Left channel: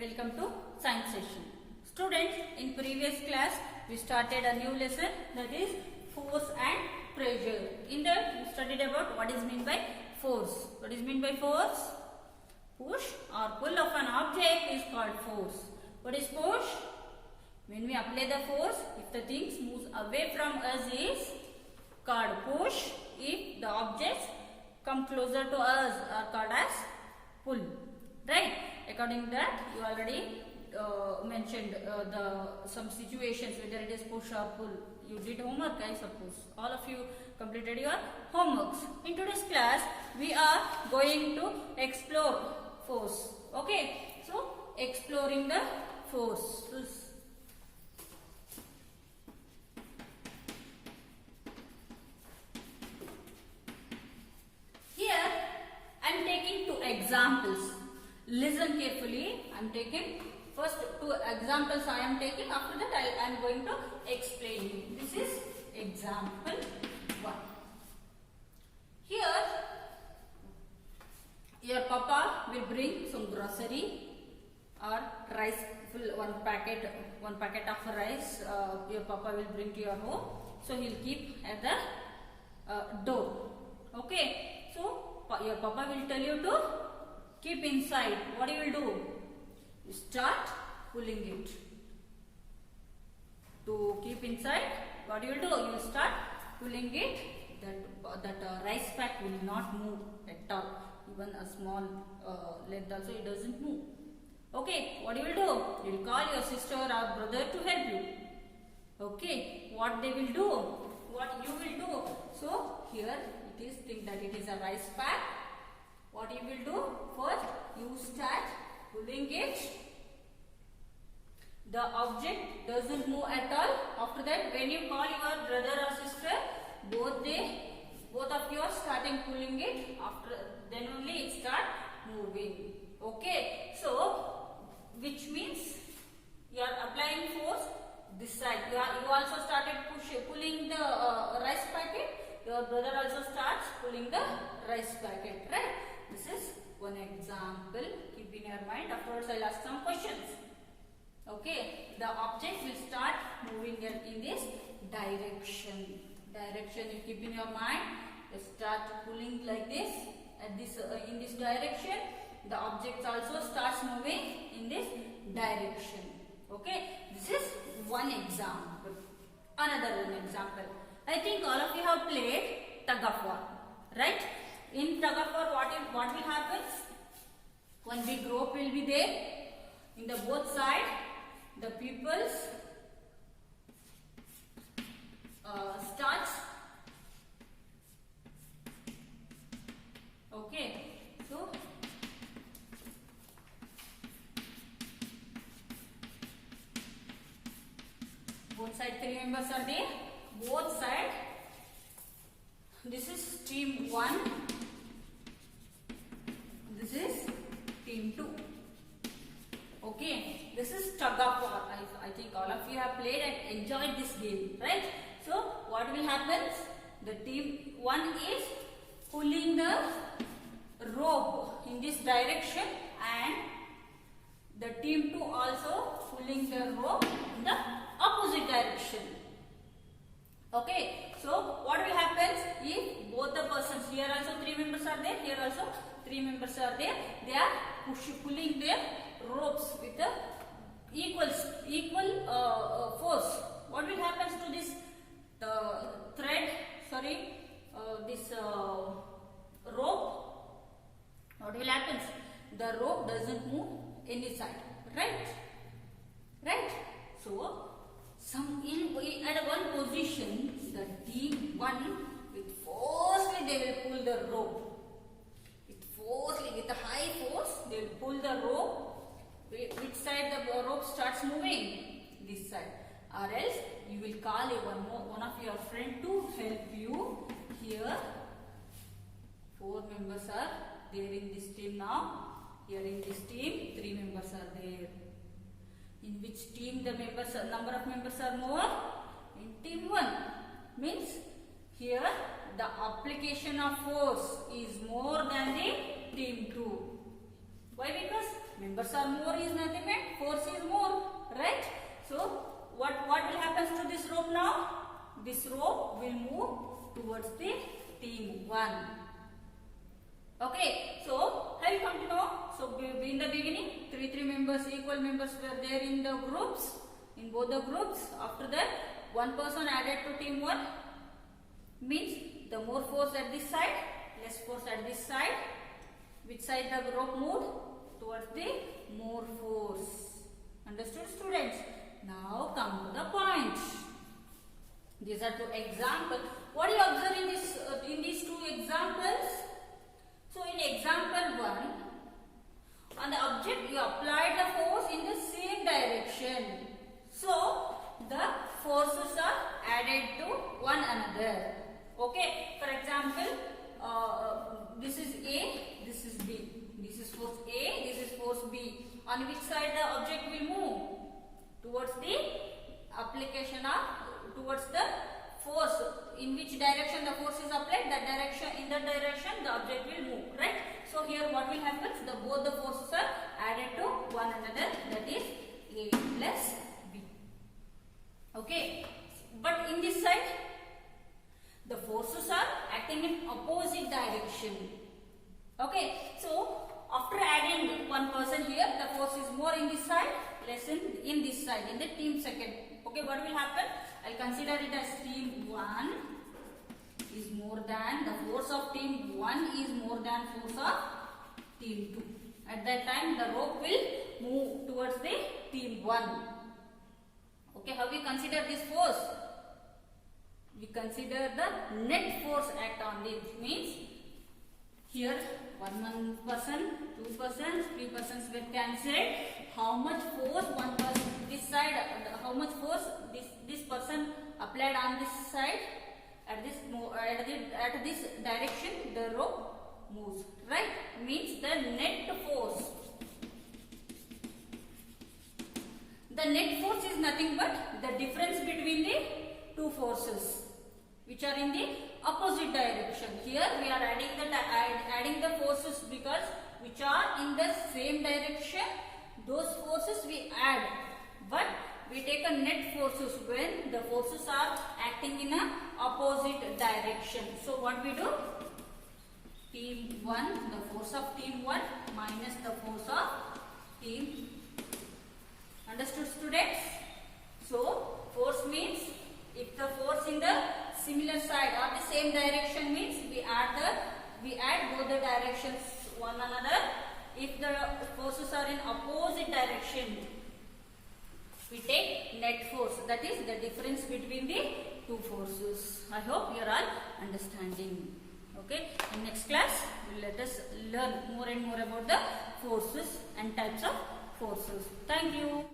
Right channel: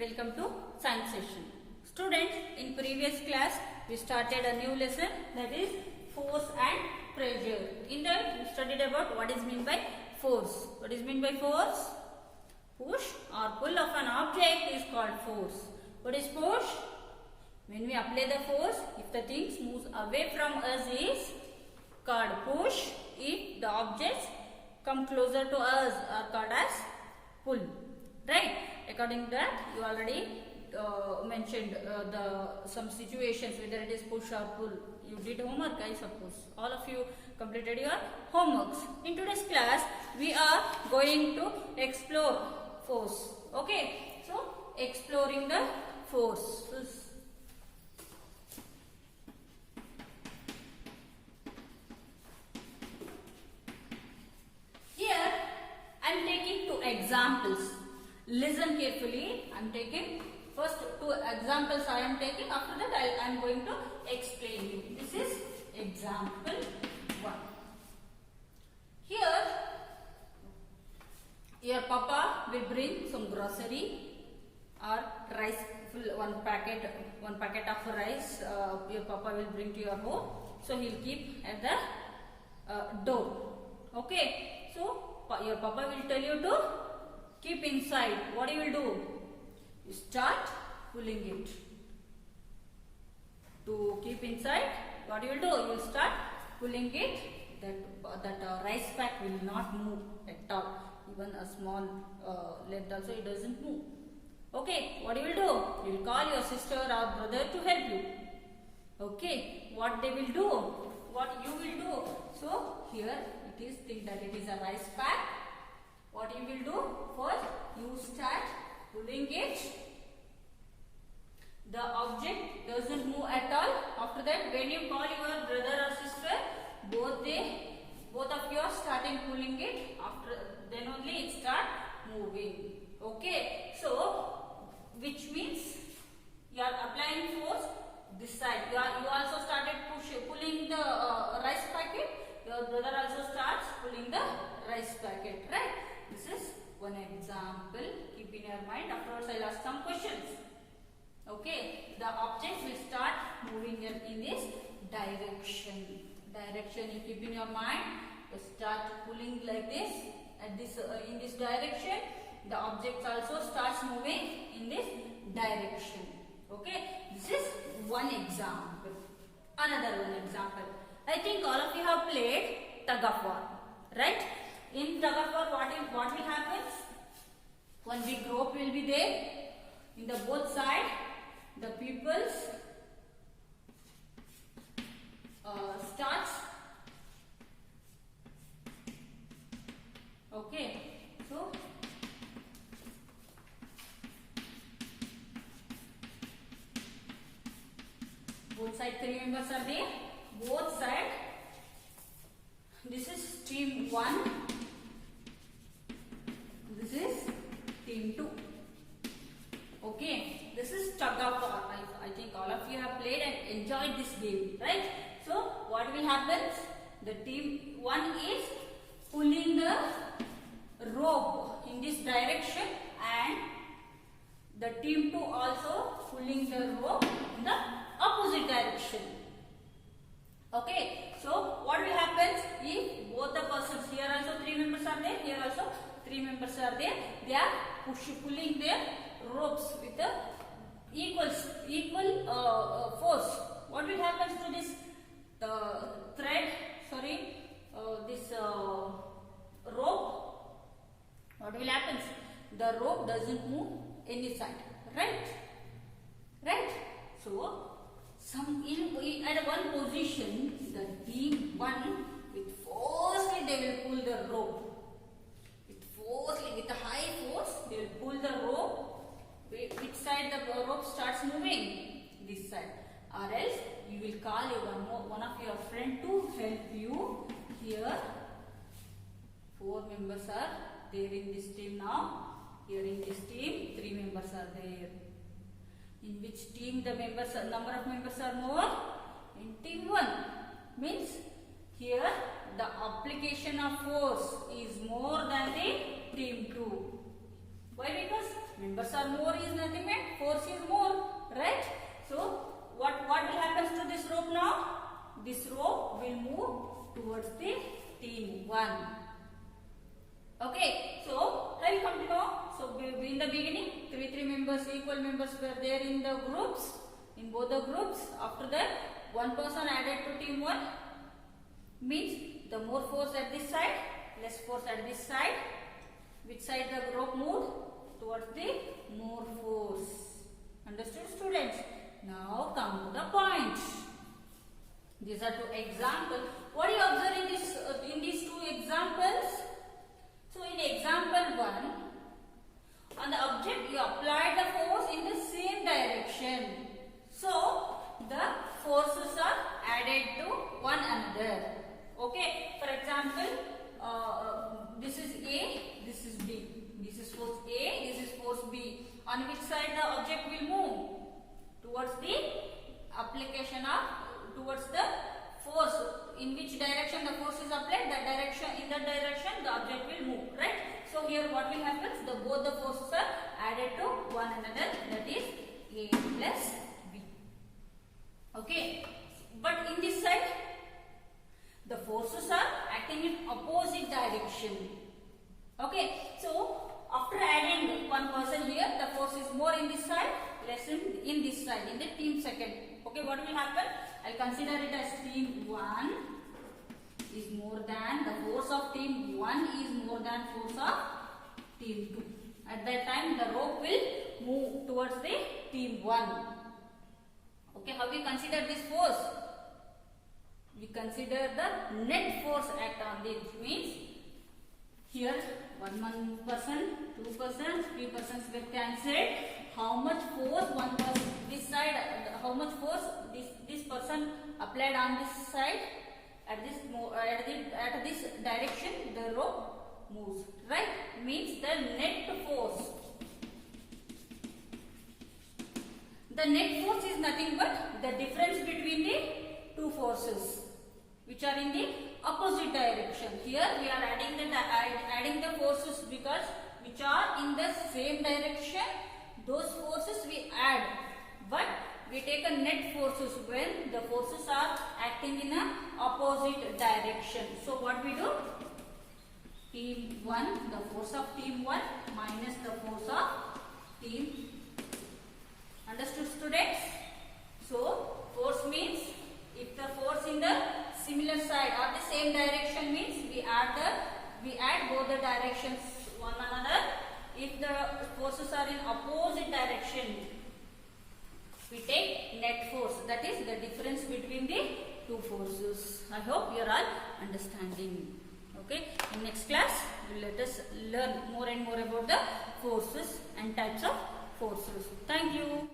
welcome to science session. Students, in previous class we started a new lesson, that is force and pressure. In that we studied about what is meant by force. What is meant by force? Push or pull of an object is called force. What is push? When we apply the force, if the things moves away from us is called push. If the objects come closer to us are called as pull. Right? According to that, you already mentioned some situations, whether it is push or pull. You did homework, I suppose. All of you completed your homeworks. In today's class, we are going to explore force. Okay? So, exploring the forces. Here, I am taking two examples. Listen carefully. I am taking first two examples. I am taking. After that, I am going to explain you. This is example 1. Here, your papa will bring some grocery or rice. One packet of rice. Your papa will bring to your home. So he will keep at the door. Okay. So your papa will tell you to keep inside. What you will do? You start pulling it. To keep inside, what you will do? You will start pulling it. That rice pack will not move at all. Even a small lead also, it doesn't move. Okay, what you will do? You will call your sister or brother to help you. Okay, what they will do? What you will do? So here it is, think that it is a rice pack. What you will do? First, you start pulling it. The object doesn't move at all. After that, when you call your brother or sister, both of you are starting pulling it. After then only it start moving. Okay. So, which means you are applying force this side. You also started pulling the rice packet. Your brother also starts pulling the rice packet. Right? This is one example. Keep in your mind. Afterwards, I'll ask some questions. Okay. The object will start moving in this direction. You keep in your mind. You start pulling like this. In this direction. The object also starts moving in this direction. Okay. This is one example. Another one example. I think all of you have played tug of war. Right? In tug of war, what will happen? One big rope will be there. In the both side, the pupils starts. Okay. So, both side 3 members are there. Both side. This is team 1. This is team 2. Okay. This is tug of war. I think all of you have played and enjoyed this game. Right? So, what will happen? The team 1 is pulling the rope in this direction and the team 2 also pulling the rope in the opposite direction. Okay, so what will happen if both the persons, here also 3 members are there, here also 3 members are there, they are pulling their ropes with the equal force. What will happen to this this rope? What will happen? The rope doesn't move any side, right? Right? So, at one position, the team 1 with forcefully they will pull the rope. With a high force, they will pull the rope. Which side the rope starts moving? This side. Or else you will call one of your friend to help you. Here, 4 members are there in this team now. Here in this team, 3 members are there. In which team the number of members are more? In team 1. Means here the application of force is more than the team 2. Why? Because Members are more is nothing but force is more, right? So what will happen to this rope now? This rope will move towards the team 1. Okay, so I will continue. So in the beginning, three members, equal members were there in the groups, in both the groups. After that, one person added to team 1, means the more force at this side, less force at this side. Which side the rope moved? Towards the more force. Understood, students? Now come to the points. These are 2 examples. What do you observe in this in these 2 examples? So in example 1, on the object you applied the force in the same direction. So the forces are added to one another. Okay. For example, this is A, this is B. This is force A, this is force B. On which side the object will move? Towards the application of, towards the force. In which direction the force is applied, that direction, in that direction the object will move, right? So here what will happen? Both the forces are added to one another, that is A plus B. Okay. But in this side, the forces are acting in opposite direction. Okay. So after adding one person here, the force is more in this side, less in this side, in the team 2nd. Okay, what will happen? I'll consider it as team 1 is more than, the force of team 1 is more than force of team 2. At that time, the rope will move towards the team 1. Okay, how we consider this force? We consider the net force act on it. Means here one person, 2 persons, 3 persons get cancelled. How much force one person this side? How much force this person applied on this side? At this direction, the rope moves. Right? Means the net force. The net force is nothing but the difference between the 2 forces, which are in the opposite direction. Here we are adding the forces because which are in the same direction. Those forces we add, but we take a net forces when the forces are acting in a opposite direction. So what we do? Team 1, the force of team 1 minus the force of team. Understood, students? So force means if the force in the similar side or the same direction means we add both the directions one another. If the forces are in opposite direction, we take net force, that is the difference between the 2 forces. I hope you are all understanding. Okay, in next class let us learn more and more about the forces and types of forces. Thank you.